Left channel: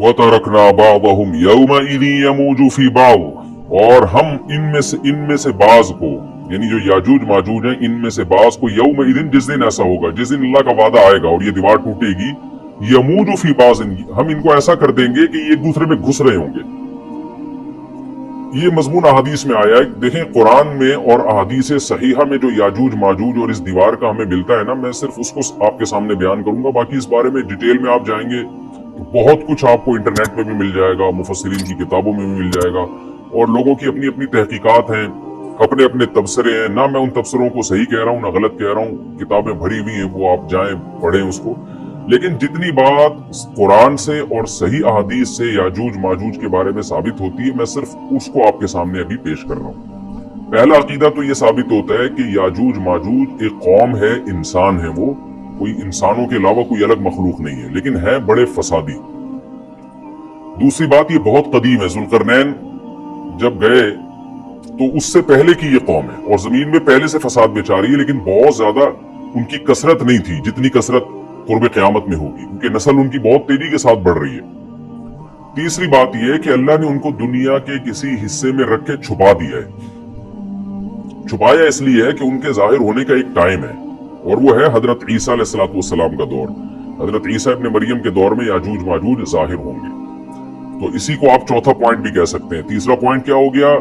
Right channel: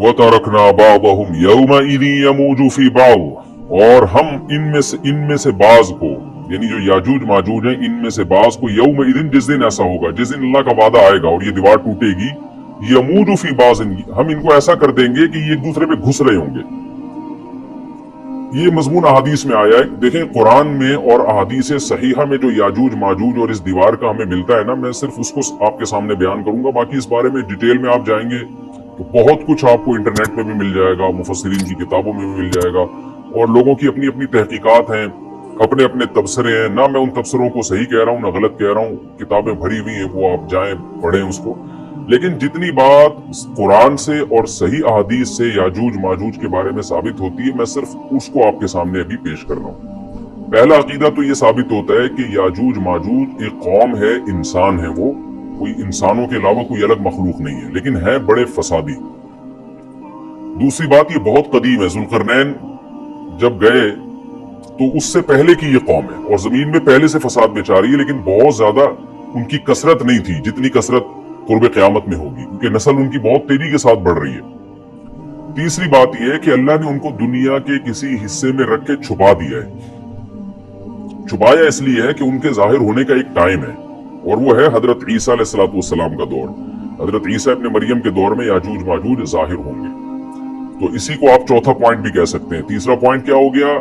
वतरकना बादहुम यौमइज़ि यमूजु फी बाद, और हम इनमें से बाज को, यानी जो याजूज माजूज है, इनमें से बाज को यौमइज़िन, जिस दिन ऐसा होगा, जिस दिन अल्लाह का वादा आएगा और ये दीवार टूटेगी, यमूजु फी बाज़िन, हम इनको ऐसा कर देंगे कि ये एक दूसरे में घुस रहे होंगे। ये मजमून अहादीस में आया है। देखें, कुरान में और अहादीस सहीहा में जो याजूज माजूज और इस दीवार का हमें मिलता है ना, मैं सिर्फ उसको आपके सामने बयान करूंगा। बाकी इस बारे में डिटेल में आप जाएंगे तो बहुत कुछ आपको इंटरनेट पे भी मिल जाएगा, मुफस्सिरीन की किताबों में भी मिल जाएगा, और लोगों की अपनी अपनी तहकीकात हैं, अपने अपने तबसरे हैं। ना मैं उन तबसरों को सही कह रहा हूँ ना गलत कह रहा हूँ, किताबें भरी हुई हैं, वो आप जाएं पढ़ें उसको। लेकिन जितनी बात कुरान से और सही अहादीस से याजूज माजूज के बारे में साबित होती है, मैं सिर्फ उसको आपके सामने अभी पेश कर रहा हूँ। पहला अकीदा तो ये साबित होता है कि याजूज माजूज एक कौम है, इंसान है, वो कोई इंसानों के अलावा कोई अलग मखलूक नहीं है, लेकिन है बड़े फसादी। दूसरी बात, ये बहुत कदीम है। ज़ुल्करनैन जब गए तो उससे पहले की ये कौम है और जमीन में पहले से फसाद मचा रही है, लेकिन बहुत ज्यादा उनकी कसरत नहीं थी जितनी कसरत कुर्ब क़यामत में होगी, क्योंकि नस्ल उनकी बहुत तेजी के साथ बढ़ रही है। तीसरी बात यह है कि अल्लाह ने उनको दुनिया के किसी हिस्से में रख के छुपा दिया है। छुपाया इसलिए है कि उनके जाहिर होने का एक टाइम है, और वो है हजरत ईसा अलैहिस्सलाम का दौर। हजरत ईसा इब्न मरियम के दौर में याजूज माजूज जाहिर होंगे। तो इसी को आप चौथा पॉइंट भी कह सकते हैं। तीसरा पॉइंट क्या हो गया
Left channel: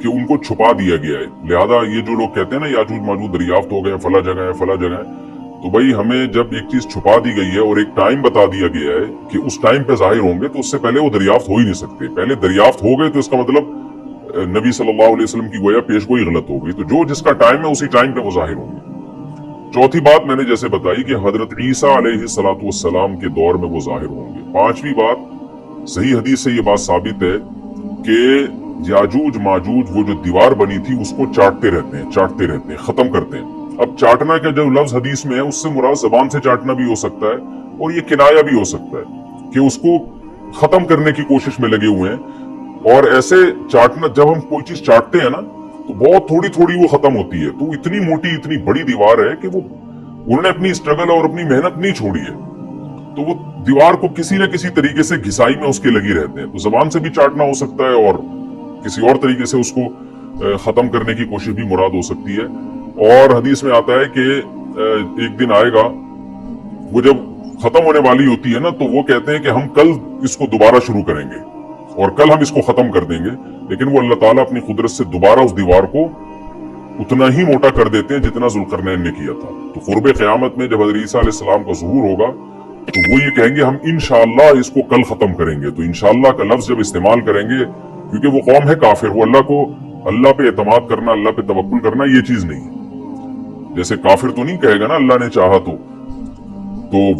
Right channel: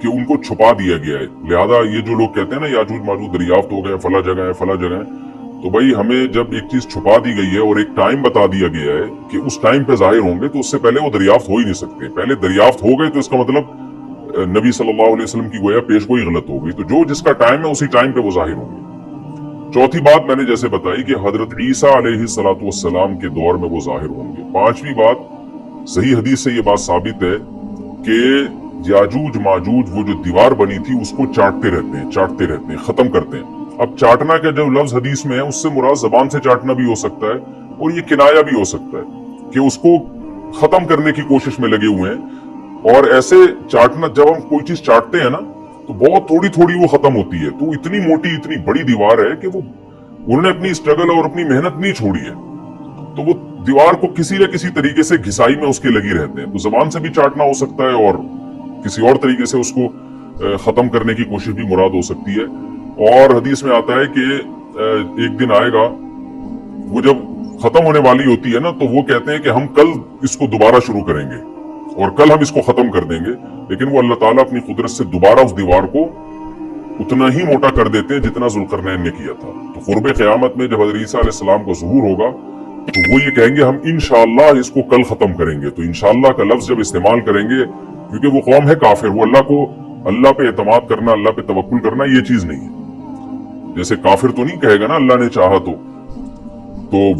कि उनको छुपा दिया गया है। लिहाजा ये जो लोग कहते हैं ना याजूज माजूज दरियाफ्त हो गए, फला जगह है, फला जगह है, तो भाई हमें जब एक चीज छुपा दी गई है और एक टाइम बता दिया गया है कि उस टाइम पे जाहिर होंगे, तो उससे पहले वो दरियाफ्त हो ही नहीं सकते। पहले दरियाफ्त हो गए तो इसका मतलब नबी सल्लल्लाहु अलैहि वसल्लम की गोया पेशगोई गलत हो गई। तो जो जिसका टाइम है उसी टाइम पे वो जाहिर होंगे। चौथी बात मैंने जैसे बताई कि हजरत ईसा अलैहिस्सलाम के दौर में वो जाहिर होंगे। पांचवी बात, सही हदीस से ये बात साबित है कि याजूज माजूज वो जो दीवार बनी थी उसको चाटते रहते हैं, खत्म करते हैं। अब चाटना का जो लफ्ज हदीस में है उससे मुराद जबान से चाटना भी हो सकता है, और ये किनाया भी हो सकता है कि उसको खत्म करने की कोशिश में लगे हुए हैं। और ऐसे चाटना, जब हम कोई चीज चाटते हैं ना, तो बहुत थोड़ी थोड़ी वो खत्म होती है। तो इतनी मोटी, इतनी बड़ी दीवार है कि वो उन्होंने अपनी स्ट्रगल और अपनी मेहनत नहीं छोड़ी है, तो वो दीवार को किसी न किसी तरीके से घिसाई में उसके लगी रहते हैं। तो जबान से भी चाटना हो सकता है और किसी और तरीके से उसको खत्म करने की कोशिश भी मुराद हो सकती है। और हदीस में आता है कि एक दिन आएगा, वो जब खत्म होने वाली होती है ना, तो वो कहते हैं कि हम कल इसको दोबारा शुरू करेंगे और कल हम इसको खत्म कर देंगे। लेकिन वो अल्लाह ताला अपनी कुदरत से दोबारा उस दीवार को उतना ही मोटा कर देते हैं जितना ज़ुल्करनैन ने किया था। तो कुर्ब क़यामत में जब हज़रत ईसा अलैहिस्सलाम का ज़ुहूर होगा, तो वो ये कहेंगे हम इंशाअल्लाह इसको कल खत्म करेंगे। तो इंशाअल्लाह का लफ्ज जब इस्तेमाल करेंगे, क्योंकि वो कौम है काफिर, वो अल्लाह पे एतमाद करना, अल्लाह पे तवक्कुल करना ये चीज नहीं है। जैसे काफिर तो नहीं कहेगा ना अल्लाह ने चाहा तो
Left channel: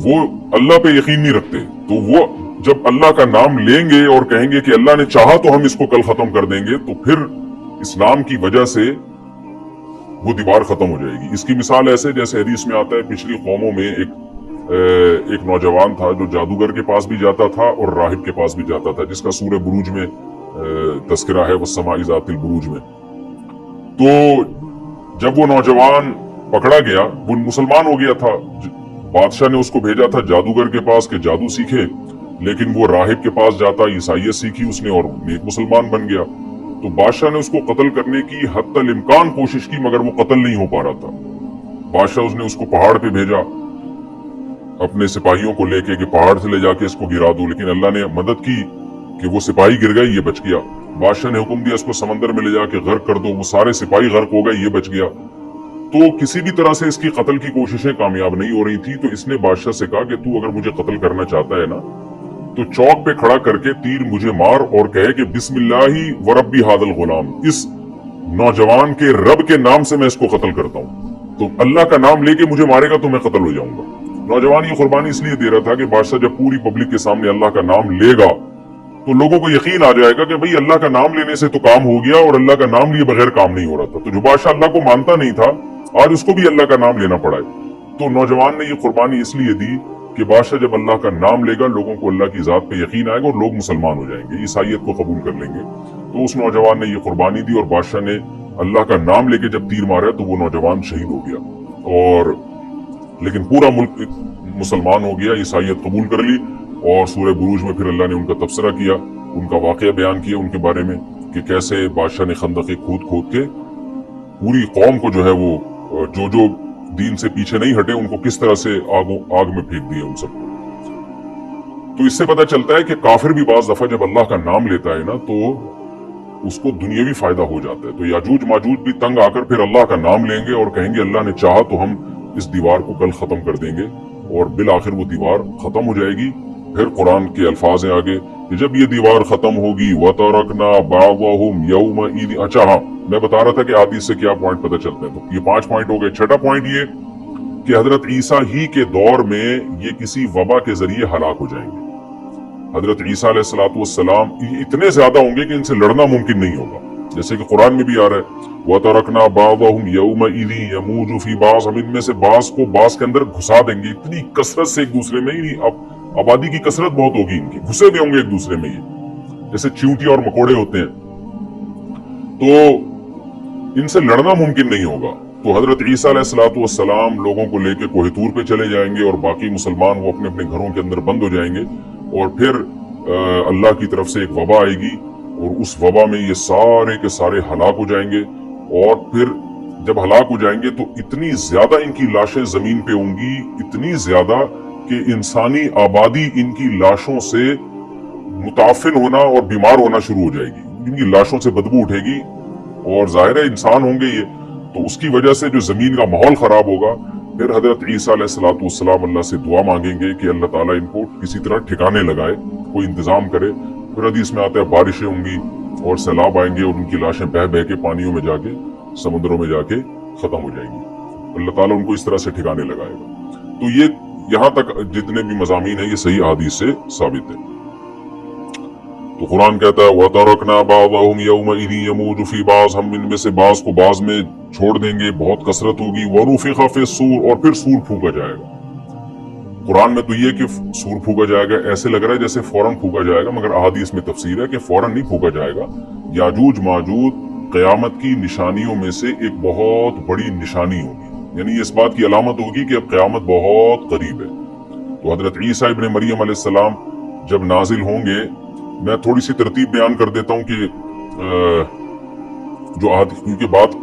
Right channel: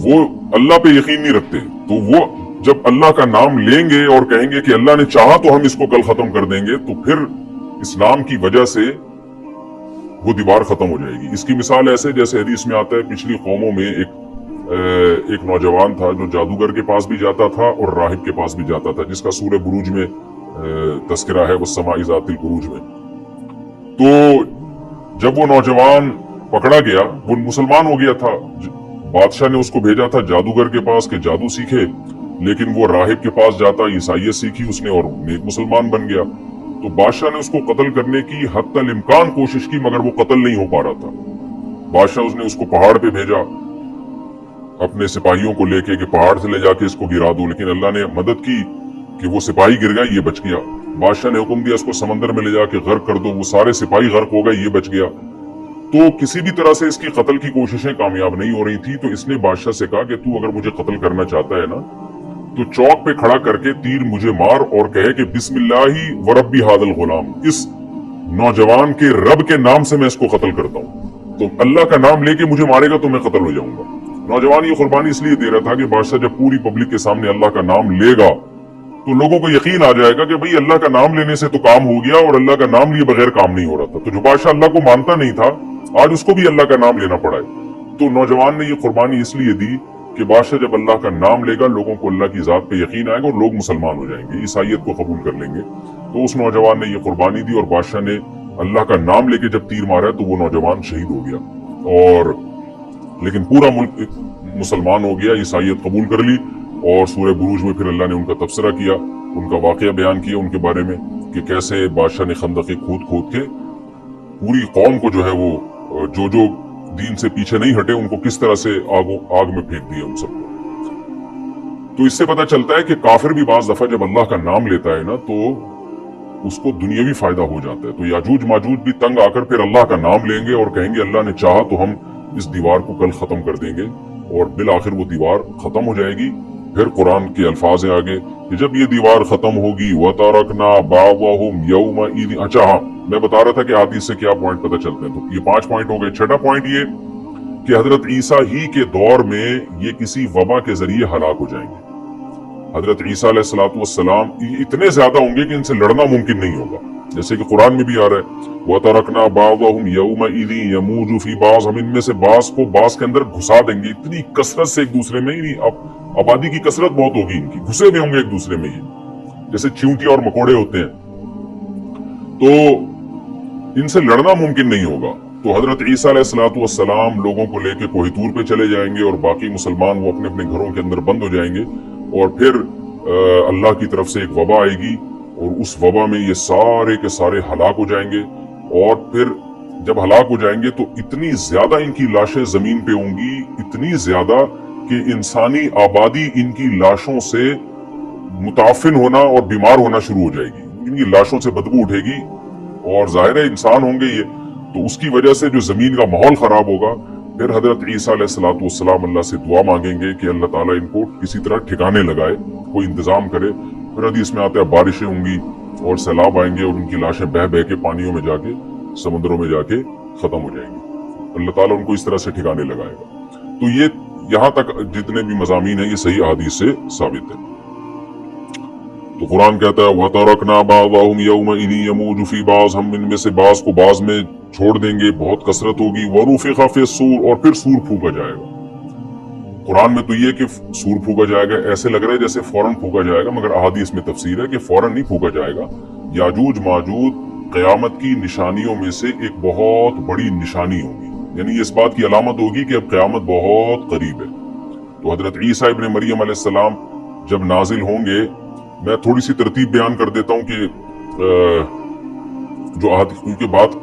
वो अल्लाह पे यकीन नहीं रखते। तो वो जब अल्लाह का नाम लेंगे और कहेंगे कि अल्लाह ने चाहा तो हम इसको कल खत्म कर देंगे, तो फिर इस नाम की वजह से वो दीवार खत्म हो जाएगी। इसकी मिसाल ऐसे जैसे हदीस में आता है, पिछली कौमों में एक नौजवान था जो जादूगर के पास भी जाता था और राहिब के पास भी जाता था, जिसका सूरह बुरूज में तस्करा है, वस्समाइ ज़ातिल बुरूज में। तो जब वो नौजवान पकड़ा गया, वो मुसलमान हो गया था, बादशाह ने उसको भेजा था जादूगर के पास कि जादू सीखे, लेकिन वो राहिब के पास जाता, ईसाइयत सीखी उसने और नेक मुसलमान बन गया। तो बादशाह ने उसको कत्ल करने की हत्तल इम्कान कोशिश की, मगर वो कत्ल नहीं हो पा रहा था। बादशाह उसने उसको पहाड़ पे भेजा अपने सिपाहियों को लेके कि पहाड़ से ले जाके इसको गिरा दो, लेकिन अल्लाह ने मदद की कि वो सिपाही गिर गया, ये बच गया। बादशाह ने हुक्म दिया इसको समंदर में ले जाके गर्क कर दो, वो सारे सिपाही गर्क हो गए, ये बच गया। तो किसी भी तरह से इसकी कत्ल की कोशिशें कामयाब नहीं हो रही थी। तो इसने बादशाह से कहा कि तू अगर मुझे कत्ल करना चाहता है ना, तो चौक पे खड़ा करके तीर मुझे मार और कहे कि बिस्मिल्लाही व रब्बी हादल गुलाम, इस नौजवान के रब के नाम से मैं इसको कत्ल करता हूँ। तो अल्लाह का नाम लेके मुझे मारेगा तो मैं कत्ल हो जाऊंगा। नौजवान ये कुर्बानी इसलिए दे रहा था कि बादशाह जब पूरी पब्लिक के सामने अल्लाह का नाम लेगा तो लोगों को यकीन आ जाएगा कि भाई अल्लाह का नाम लेने से तो काम हो गया, और अल्लाह का नाम लिए बगैर काम नहीं हो रहा था। तो जो बादशाह अल्लाह को मानता नहीं था, आज उसको भी अल्लाह का नाम लेना पड़ा है। तो नौजवान ने ये कुर्बानी इसलिए दी कि बादशाह जब अल्लाह का नाम लेगा, लोगों को अल्लाह की जात पे यकीन आएगा और लोग मुसलमान हो जाएंगे, ईसाइयत को कबूल कर लेंगे। तो उस नौजवान ने ये कुर्बानी दी और बादशाह ने अल्लाह का नाम लेके जब तीर मारा तो वो नौजवान शहीद हो गया। और लेकिन पूरा मुल्क मुसलमान हो गया, ईसाइयत कबूल कर ली, और सूरह बुरूज में फिर अल्लाह ने उनका तबसरा किया, उनका वाकया बयान किया उनके बारे में कि कैसे बादशाह ने खंदक़ें खोद के पूरी कौम को जो है वो जो दीन से पीछे नहीं हटे उनको किस तरह से आग में फेंक दिया उन सबको। तो इससे पता चलता है कि काफिर भी बाज दफा जब अल्लाह का नाम लेता है ना तो उसको दुनियावी फायदा हो जाता है। तो याजूज माजूज भी तंग आकर फिर अल्लाह का नाम लेंगे और कहेंगे अल्लाह ने चाहा तो हम इस दीवार को कल खत्म कर देंगे, और बिल आखिर वो दीवार खत्म हो जाएगी। फिर कुरान के अल्फाज है आगे कि जब ये दीवार खत्म होगी वतरकना बावहुम यौमइज़। अच्छा हाँ, मैं बता रहा था कि हदीस से क्या पॉइंट पता चलता है, तो ये 5 पॉइंट हो गए। छठा पॉइंट ये कि हजरत ईसा ही के दौर में ये किसी वबा के जरिए हलाक हो जाएंगे। हजरत ईसा अलैहिस्सलाम इतने ज्यादा होंगे कि इनसे लड़ना मुमकिन नहीं होगा, जैसे कि कुरान में भी आ रहा है वतरकना बावहुम यौमइज़ यमूजु फी बाज़, हम इनमें से बास को बास के अंदर घुसा देंगे। इतनी कसरत से एक दूसरे में ही, अब आबादी की कसरत बहुत होगी इनकी, घुसे हुए होंगे एक दूसरे में, ये जैसे चींटी और मकोड़े होते हैं, तो इनसे लड़ना मुमकिन नहीं होगा। तो हजरत ईसा अलैहिस्सलाम लोगों को लेकर कोहितूर पे चले जाएंगे और बाकी मुसलमान वो अपने अपने घरों के अंदर बंद हो जाएंगे, और फिर अल्लाह की तरफ से एक वबा आएगी और उस वबा में ये सारे के सारे हलाक हो जाएंगे। और फिर जब हलाक हो जाएंगे तो इतनी ज्यादा इनकी लाशें जमीन पे होंगी, इतनी ज्यादा कि इंसानी आबादी इनकी लाशों से मुताफिन होना और बीमार होना शुरू हो जाएगी, इनकी लाशों से बदबू उठेगी, और जाहिर है इंसान होंगे ये, तो उसकी वजह से जो जमीन का माहौल खराब होगा। फिर हजरत ईसा अलैहिस्सलाम अल्लाह से दुआ मांगेंगे कि अल्लाह ताला इनको किसी तरह ठिकाने लगाए, कोई इंतजाम करे। फिर हदीस में आते हैं बारिशें होंगी और सैलाब आएंगे और उनकी लाशें बह बह के पानियों में जाके, समुद्रों में जाके खत्म हो जाएंगी। अल्लाह ताला उनको इस तरह से ठिकाने लगाएगा। तो ये यहाँ तक जितने भी मज़ामीन है ये सही हदीस से साबित है। तो कुरान कहता है वतरकना बाज़हुम यौमइज़ यमूजु फी बाज़, हम इनमें से बाज़ को बाज़ में छोड़ देंगे, बहुत कसरत होगी। वनुफिख़ फ़िस्सूर, और फिर सूर फूका जाएगा। कुरान में तो ये कि सूर फूका जाएगा ऐसे लग रहा है जैसे फौरन फूका जाएगा, मगर अहादीस में तफसीर है कि फौरन नहीं फूका जाएगा। याजूज माजूज क़यामत की निशानियों में से एक बहुत बड़ी निशानी होगी, यानी इस बात की अलामत होगी कि अब क़यामत बहुत करीब है। तो हजरत ईसा इब्न मरियम अलैहिस्सलाम जब नाजिल होंगे, मैं थोड़ी सी तरतीब बयान कर देता हूँ कि जो क्योंकि बात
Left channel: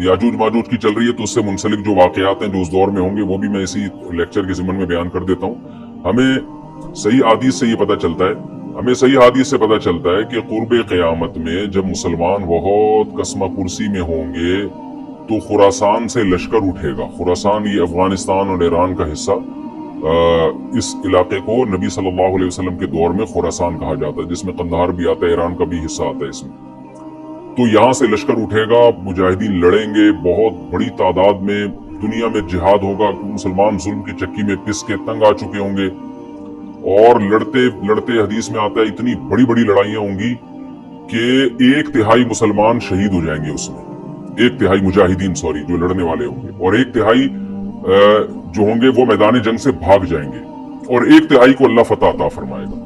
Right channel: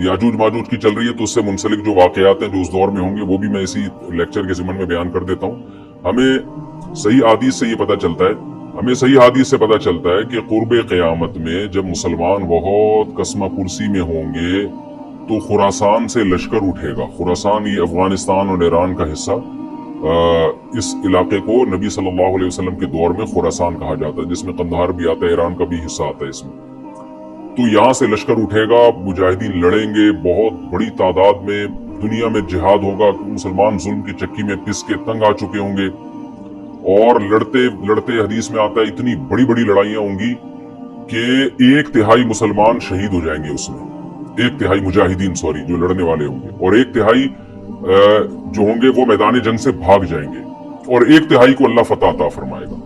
याजूज माजूज की चल रही है तो उससे मुंसलिक जो वाकयात हैं जो उस दौर में होंगे वो भी मैं इसी लेक्चर के ज़मन में बयान कर देता हूँ। हमें सही हदीस से ये पता चलता है, हमें सही हदीस से पता चलता है कि कुर्बे क़यामत में जब मुसलमान बहुत कसम कुर्सी में होंगे तो खुरासान से लश्कर उठेगा। खुरासान ये अफगानिस्तान और ईरान का हिस्सा, इस इलाके को नबी सल्लल्लाहु अलैहि वसल्लम के दौर में खुरासान कहा जाता है, जिसमें कंधार भी आता है, ईरान का भी हिस्सा आता है इसमें। तो यहाँ से लश्कर उठेगा, मुजाहिदीन लड़ेंगे बहुत बड़ी तादाद में, दुनिया में जिहाद होगा, मुसलमान जुल्म की चक्की में पिस के तंग आ चुके होंगे, और लड़ते लड़ते हदीस में आता है इतनी बड़ी बड़ी लड़ाइयाँ होंगी कि 1/3 मुसलमान शहीद हो जाएंगे उसमें, 1/3 मुजाहिदीन जो लड़ने वाले होंगे, और 1/3 जो होंगे वो मैदान जंग से भाग जाएंगे, और 1/3 को अल्लाह फतह अता फरमाएगा।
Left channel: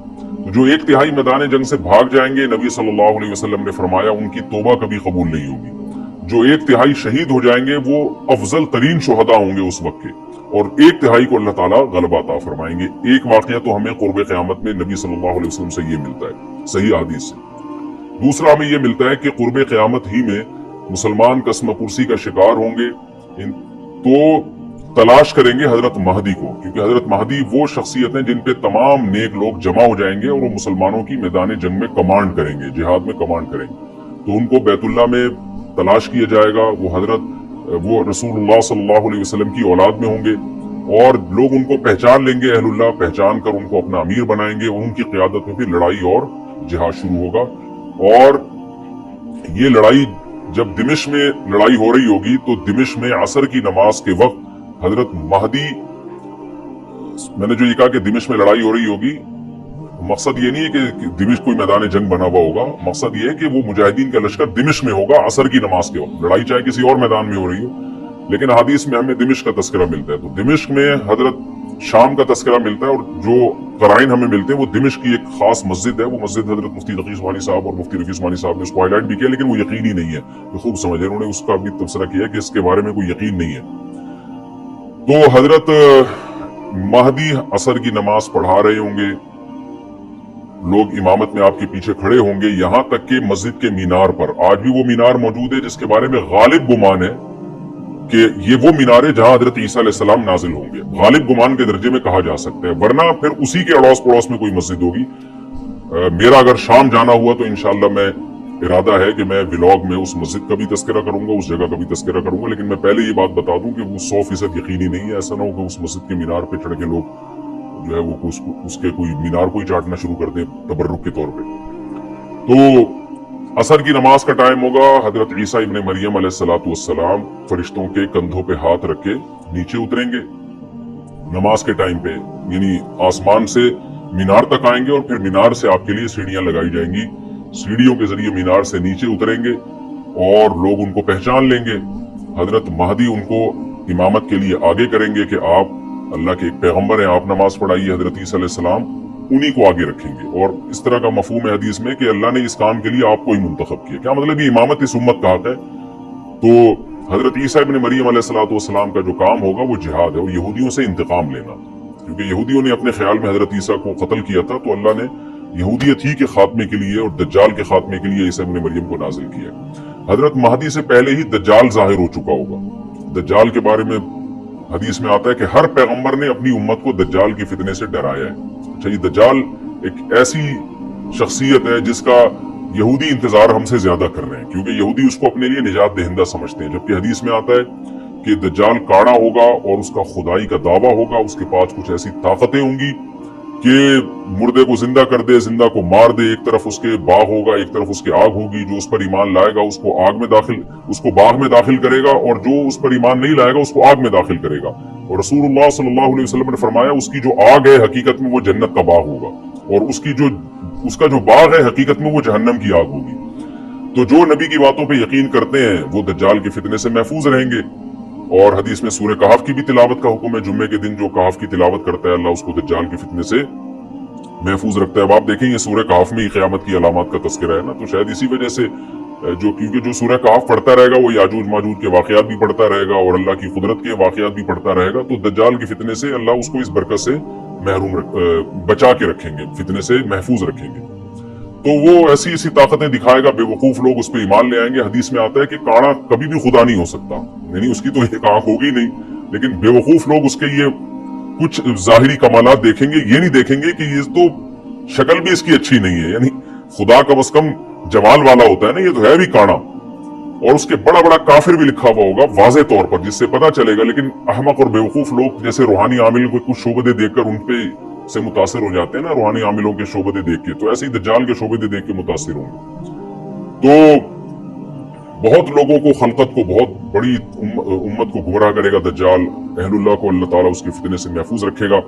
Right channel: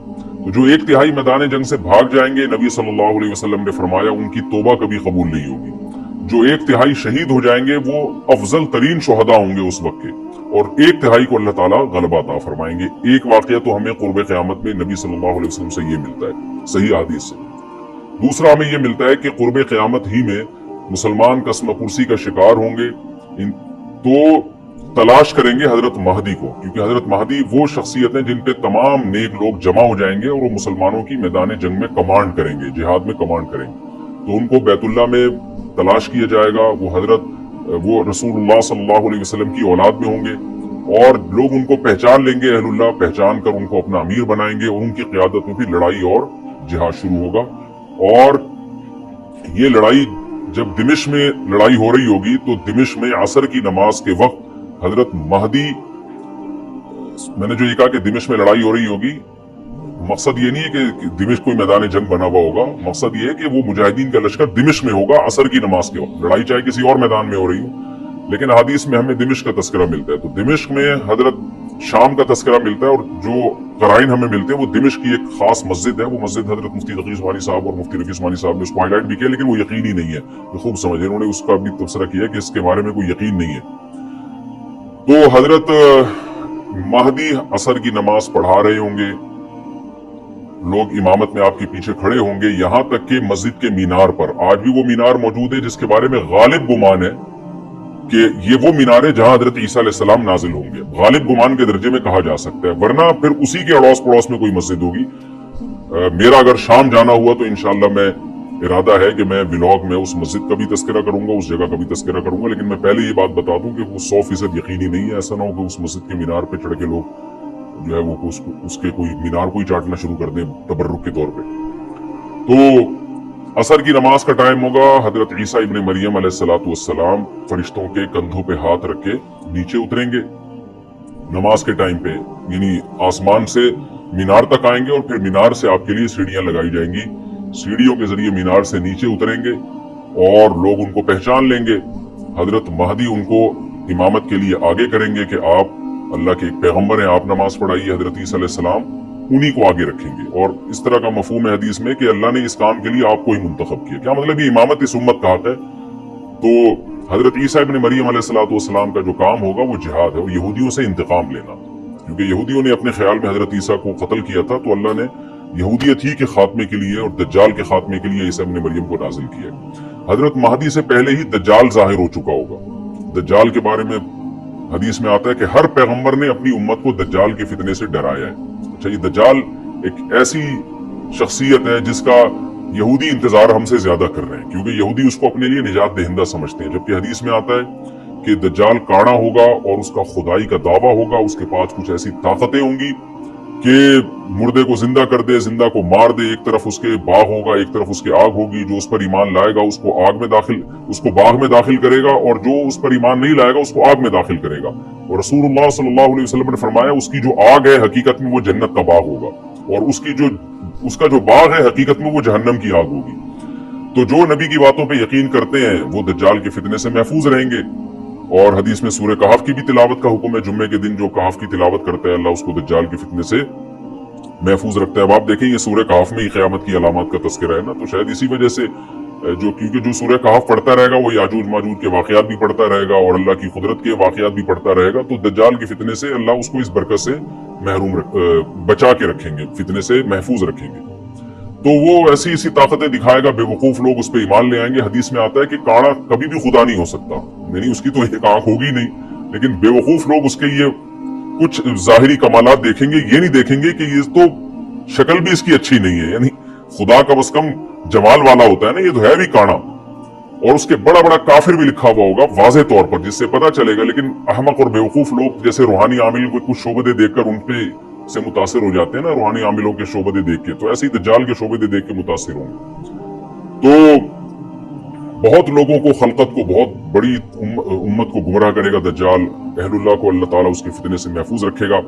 तो जो 1/3 मैदान जंग से भाग जाएंगे, नबी सल्लल्लाहु अलैहि वसल्लम ने फरमाया उनकी तौबा कभी कबूल नहीं होगी। जो 1/3 शहीद हो जाएंगे वो अफजल तरीन शुहदा होंगे उस वक्त के, और 1/3 को अल्लाह ताला गलबा अता फरमाएंगे। एक वाकया तो हमें कुर्बे क़यामत में नबी सल्लल्लाहु अलैहि वसल्लम से ये मिलता है सही हदीस से। दूसरा हमें ये मिलता है कि कुर्बे क़यामत ही में मुसलमान कसम कुर्सी का शिकार होंगे, तो तलाश करेंगे हजरत महदी को, क्योंकि हजरत महदी वो शख्सियत है जिन पे तमाम नेक लोग जमा हो जाएंगे और वो मुसलमानों की मैदान जंग में कमांड करेंगे, जिहाद में कमांड करेंगे। तो उनको बैतुल्लाह में तलाश किया जाएगा। वो रसूलुल्लाह सल्लल्लाहु अलैहि वसल्लम की औलाद में होंगे, और लोग उनको पहचान लेंगे, अहलुल्लाह पहचान कर उनको अपना अमीर बनाएंगे, और उनकी क़यादत में फिर लड़ाई और जिहाद शुरू होगा। और ये लड़ाई जब दिमिश्क में लड़ाई हो रही होगी तो दिमिश्क में असर की नमाज के वक्त हजरत महदी, मैंने जो ये कहा कि दिमिश्क में लड़ाई हो रही होगी, मकसद ये नहीं है कि दिमिश्क कोई मैदान जंग बना हुआ होगा, मकसद ये है कि वो मुजाहिदीन का लश्कर दिमिश्क में होगा असर की नमाज के वक्त। लड़ाई चाहे किसी और मैदान में हो रही हो, लेकिन हदीस में हमें दिमिश्क का तस्करा मिलता है। तो दिमिश्क में हजरत शाम का तस्करा मिलता है, और जो कराइन हमें मिलते हैं वो दिमिश्क की एक खास मस्जिद है। वो मस्जिद हजरत मुफ्ती तकी उस्मानी साहब और मुफ्ती रफी उस्मानी साहब ने उसको हाईलाइट भी किया, लेकिन वो यकीनी नहीं है, तो खूब समझे, उन्होंने उसका भी तबसरा किया कि इसके बारे में कोई यकीन नहीं है। तो हजरत महदी असर की नमाज पढ़ा रहे होंगे, लोग इमामत में आपके पीछे खड़े होंगे, यहाँ तक कि मस्जिद के मीनार पर आज भी वो मीनार मौजूद है जिसके बारे में गालिब गुमान है कि ये वो मीनार है जहां हजरत ईसा अलैहिस्सलाम नाजिल होंगे। गालिब गुमान के दर्जे में कहा जा सकता है, वरना फिर उसी के अड़ोस पड़ोस में कोई मस्जिद होगी। मेरा अगर शाम जाना हुआ तो इंशाल्लाह मैं इरादा है कि मैं व्लॉग में उस मस्जिद का भी तस्करा करूंगा, उस जगह का भी तस्करा करूंगा, लेकिन मैं पहले ये बात बता दूं कि वो 100% यकीनी नहीं है। ऐसा ना हो कि उस मस्जिद के मीनार पे चढ़ के लोग जो है वो उसके कोई मीनार को ही चाटना शुरू कर दे तबर्रुक के तौर पे। तो असर की नमाज का टाइम होगा। हजरत ईसा इब्ने मरियम अलैहिस्सलाम फरिश्तों के कंधों पे हाथ रख के नीचे उतरेंगे नमाज के टाइम पे, यानी आसमान से मीनार तक आएंगे और फिर मीनार से आपके लिए सीढ़ियां लगाई जाएंगी। सीढ़ियों के जरिए मीनार से नीचे उतरेंगे और लोग उनको पहचान लेंगे। हजरत महदी उनको इमामत के लिए आगे करेंगे कि आप अल्लाह के पैगंबर हैं, आप नमाज पढ़ाइए। हजरत ईसा अलैहिस्सलाम उन्हीं को आगे रखेंगे और इस तरह का मफहूम है हदीस में कि अल्लाह ने इस काम के लिए आपको ही मुंतखब किया। क्या मतलब, ये इमामत इस उम्मत का हक है। तो हजरत ईसा इब्ने मरियम अलैहिस्सलाम का जो काम होगा वो जिहाद है, वो यहूदियों से इंतकाम लेना, क्योंकि यहूदियों ने अपने ख्याल में हजरत ईसा को कत्ल किया था, तो अल्लाह ने यहूदियत ही के खात्मे के लिए और दज्जाल के खात्मे के लिए ईसा इब्ने मरियम को नाजिल किया। हजरत महदी से पहले ही दज्जाल जाहिर हो चुका होगा। दज्जाल के बारे में हदीस में आता है कि हर पैगंबर ने अपनी उम्मत को दज्जाल के फितने से डराया है। अच्छा, ये दज्जाल एक ऐसी शख्सियत है जिसका यहूदी इंतजार हमसे ज्यादा कर रहे हैं, क्योंकि यहूदी उसको अपने लिए निजात दहिंदा समझते हैं। जबकि हदीस में आता है कि दज्जाल काड़ा होगा और उसका खुदाई का दावा होगा, उसके पास कुछ ऐसी ताकतें होंगी कि मुर्दे को जिंदा कर दे, जिंदा को मार दे। एक तरफ उसके बाग होगा, एक तरफ उसके आग होगी। जो उस पर ईमान लाएगा उसको उसको बाग में दाखिल करेगा, और जो उस पर ईमान नहीं लाएगा उसको आग में दाखिल करेगा। और रसूलुल्लाह सल्लल्लाहु अलैहि वसल्लम ने फरमाया उसकी जो आग है हकीकत में वो जन्नत का बाग होगा, और उसका जो बाग है हकीकत में वो जहन्नम की आग होगी। तो जो नबी की बातों पे यकीन करते हैं वो दज्जाल के फितने से महफूज रहेंगे। और हदीस में सूरह कहफ की भी तिलावत का हुक्म है। जुम्मे के दिन जो कहफ की तिलावत करता है अल्लाह उसको दज्जाल के फितने से महफूज रखता है। अब आप देखेंगे सूरह कहफ में ही क़यामत की अलामत का तस्करा है ना, तो शायद इसी वजह से क्योंकि जो सूरह कहफ पढ़ता रहेगा वो याजूज माजूज के वाकयात भी पढ़ता रहेगा और अल्लाह की कुदरत के वाकयात भी पढ़ता रहेगा, तो दज्जाल के फितने से अल्लाह उसको इस बरकत से बचा के रखेंगे, फितने से महफूज रखेंगे। तो वो ऐसी ऐसी ताकतें दिखाएगा, बेवकूफ लोग उस पर ईमान ले आएंगे। हदीस में आता है कि काड़ा कभी भी खुदा नहीं हो सकता, यानी उसकी तो एक आंख होगी नहीं, लेकिन बेवकूफ लोग उसके ये कुछ जाहिरी कमालात देखेंगे, ये नहीं देखेंगे कि ये तो शक्ल भी इसकी अच्छी नहीं है, यानी खुदा कम से कम जमाल वाला होता है ना, ये तो है भी काड़ा। और उसके बड़ा बड़ा काफिर भी लिखा हुआ होगा वाज़े तौर पर, जिससे पता चलेगा। लेकिन अहमक और बेवकूफ लोग जैसे रूहानी आमिल को कुछ शोबदे देखकर उन पे से मुतासिर हो जाते हैं ना, रूहानी आमिलों के शोबदे देख के, तो ऐसे ही दज्जाल के शोबदे देख के मुतासिर होंगे। तो बहुत लोगों को, खलकत को, बहुत बड़ी उम्मत को गुमराह करेगा दज्जाल। अहलुल्लाह को अल्लाह ताला उसके फितने से महफूज रखेगा।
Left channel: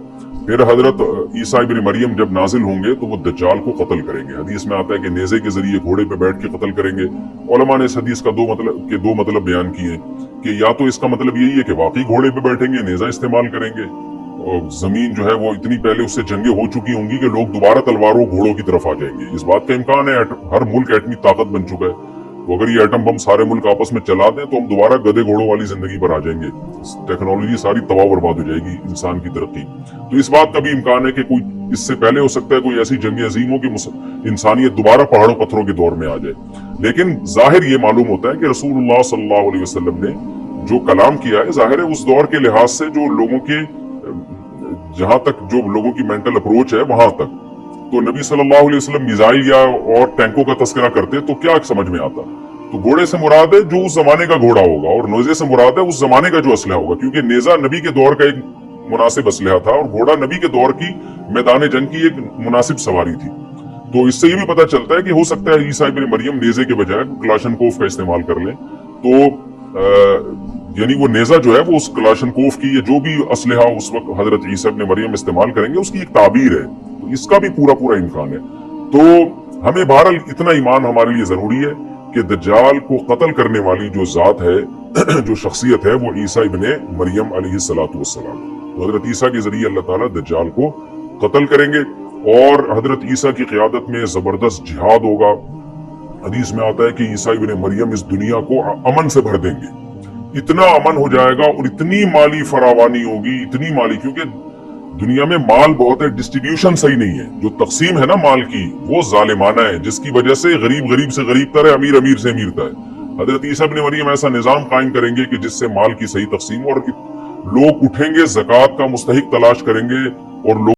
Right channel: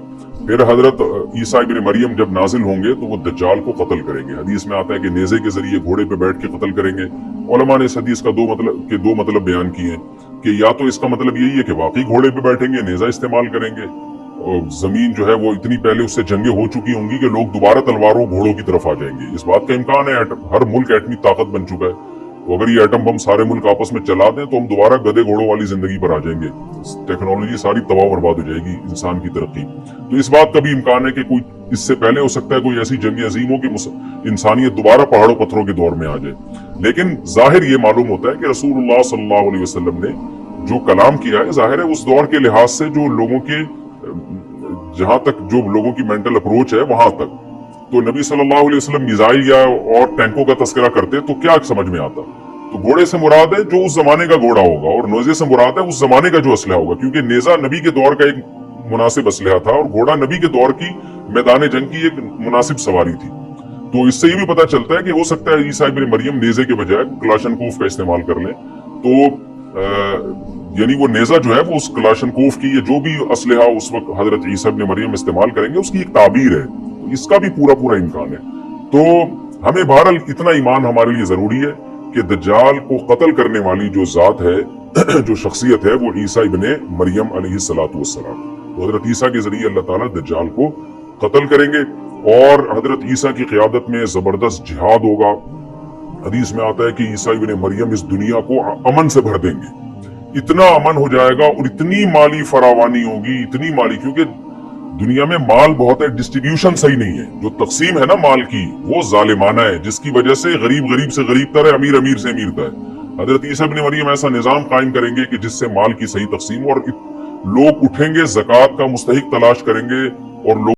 फिर हजरत ईसा इब्ने मरियम जब नाजिल होंगे तो वो दज्जाल को कत्ल करेंगे। हदीस में आता है कि नेज़े के जरिए घोड़े पे बैठ के कत्ल करेंगे। उलमा ने इस हदीस का दो मतलब बयान किए कि या तो इसका मतलब यही है कि वाकई घोड़े पे बैठेंगे, नेज़ा इस्तेमाल करेंगे, और जमीन जो है वो इतनी पहले उससे जंगें हो चुकी होंगी कि लोग दोबारा तलवारों घोड़ों की तरफ आ जाएंगे। इस बात का इम्कान है, हर मुल्क एटमी ताकत बन चुका है, तो अगर ये एटम बम सारे मुल्क आपस में चला दें तो हम दोबारा गधे घोड़ों वाली जिंदगी पर आ जाएंगे। टेक्नोलॉजी सारी तबाह बर्बाद हो जाएगी, इंसान की तरक्की। तो इस बात का भी इम्कान है कि कोई इससे पहले हो सकता है कोई ऐसी जंग अजीम हो कि इंसानियत दोबारा पहाड़ों पत्थरों के दौर में आ जाए। लेकिन जाहिर ये मालूम होता है कि रसूलुल्लाह सल्लल्लाहु अलैहि वसल्लम ने जो कलाम किया है, जाहिर है उस दौर के लिहाज से जो लोगों के, जहां तक जो लोगों की मेंटल अप्रोच है वहां तक, तो नबी सल्लल्लाहु अलैहि वसल्लम मिसाइल या और टैंकों का तस्करा करते तो क्या समझ में आता? तो घोड़े से मुराद है जो उस जमाने का घोड़ा होगा, और नेज़े से मुराद है उस जमाने का जो असलहा होगा, क्योंकि नेज़ा नबी के दौर का एक मुनासिब असलहा था और घोड़ा नबी के दौर की मैदान जंग की एक मुनासिब सवारी थी। तो इससे ये भी पता चलता है कि हो सकता है ईसा इब्ने मरियम नेज़े के बजाय क्लाशनकोफ का इस्तेमाल कर ले। तो यानी वो नेज़ा जो है वो उस क्लाशनकोफ की या जो भी असलहा उस वक्त हजरत ईसा इब्ने मरियम इस्तेमाल करेंगे उसकी एक ताबीर है, तो इसका भी पूरा इम्कान है। तो हमें बहरहाल इतना ईमान हमारे लिए जरूरी है कि दज्जाल को कत्ल करने वाली जो जात है, जो शख्सियत है, वो ईसा इब्ने मरियम अलैहिस्सलातु वस्सलाम, हजरत ईसा के जरिए अल्लाह ताला दज्जाल को कत्ल करेंगे और हजरत ईसा की क़यादत में जबरदस्त जिहाद होगा। हदीस में आता है कि ईसा इब्ने मरियम इस दुनिया को अमन से भर देंगे, इतना अमन हो जाएगा और इतनी माली फरावानी होगी, इतनी माली, क्योंकि दुनिया में माल बहुत है, डिस्ट्रीब्यूशन सही नहीं है। जो तकसीम है ना माल की, वो जालिमाना है, जिसकी वजह से गरीब गरीब से गरीब तर है, अमीर अमीर से अमीर तर है। हजरत ईसा इब्न मरियम ऐसा निजाम कायम करेंगे कि जिससे माल की सही तकसीम, और लोग उठेंगे, ज़कात का मुस्तहिक तलाश करेंगे और लोग